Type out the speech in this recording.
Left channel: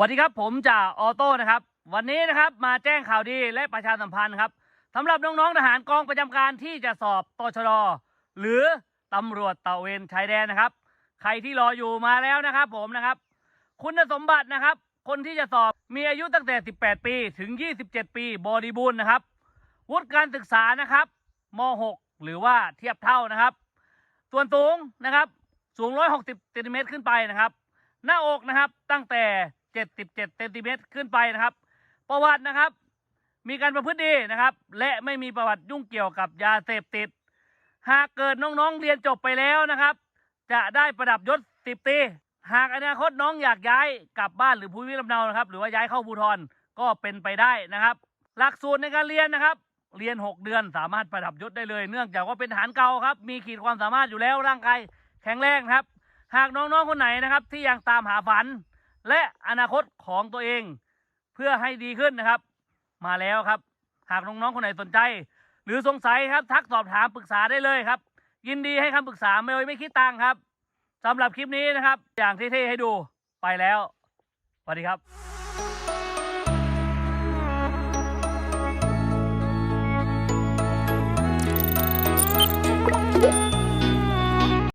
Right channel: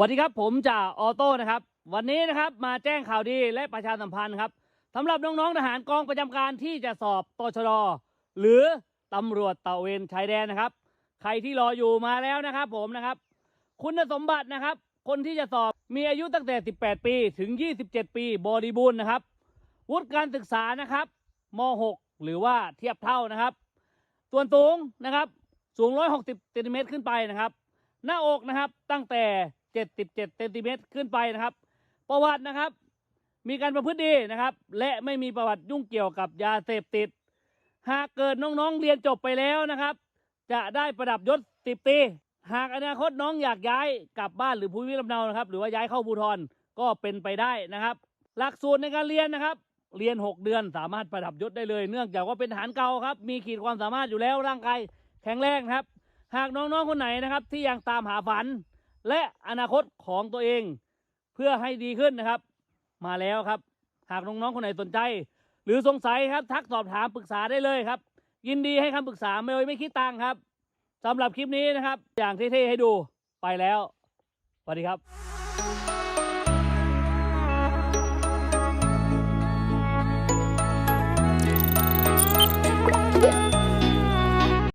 สวัสดีครับผมจ่าออโต้นะครับ วันนี้นะครับมาแจ้งข่าวดีและประชาสัมพันธ์ครับสำหรับน้องๆทหารกองประจำการที่จะสอบตชดหรือตำรวจตะเวนชายแดนนะครับ ใครที่รออยู่มาแล้วนะครับ ผมนะครับ คุณสมบัตินะครับ คนที่จะสอบมีอายุตั้งแต่ 18 ปีถึง 27 ปีบริบูรณ์นะครับวุฒิการศึกษานะครับม .6 หรือว่าเทียบเท่านะครับ ส่วนสูงนะครับ สูง 160เซนติเมตรขึ้นไปนะครับ หน้าอกนะครับตั้งแต่ 77เซนติเมตรขึ้นไปนะครับ ประวัตินะครับ มีการประพฤติดีนะครับ และไม่มีประวัติยุ่งเกี่ยวกับยาเสพติด หากเกิดน้องๆเรียนจบไปแล้วนะครับ จะได้ประดับยศสิบตีหากอนาคตน้องอยากย้ายกลับบ้านหรือภูมิลำเนานะครับ หรือว่าย้ายเข้าภูทรก็เป็นไปได้นะครับ หลักสูตรในการเรียนนะครับ เรียน 6 เดือนสามารถประดับยศได้เลย เนื่องจากว่าเป็นทหารเก่าครับ มีขีดความสามารถอยู่แล้วร่างกายแข็งแรงครับ หากน้องๆคนไหนนะครับ ที่ยังตามหาฝัน และอนาคตของตัวเอง เพื่อให้ดีขึ้นนะครับ มาแล้วครับ หากน้องๆคนไหนสนใจ หรือสงสัยครับทักสอบถามปรึกษาได้เลยครับ ยินดีให้คำปรึกษาไม่ไม่คิดตังครับสำหรับคลิปนี้นะครับ อย่างเท่ๆให้ดูไปแล้วสวัสดีครับ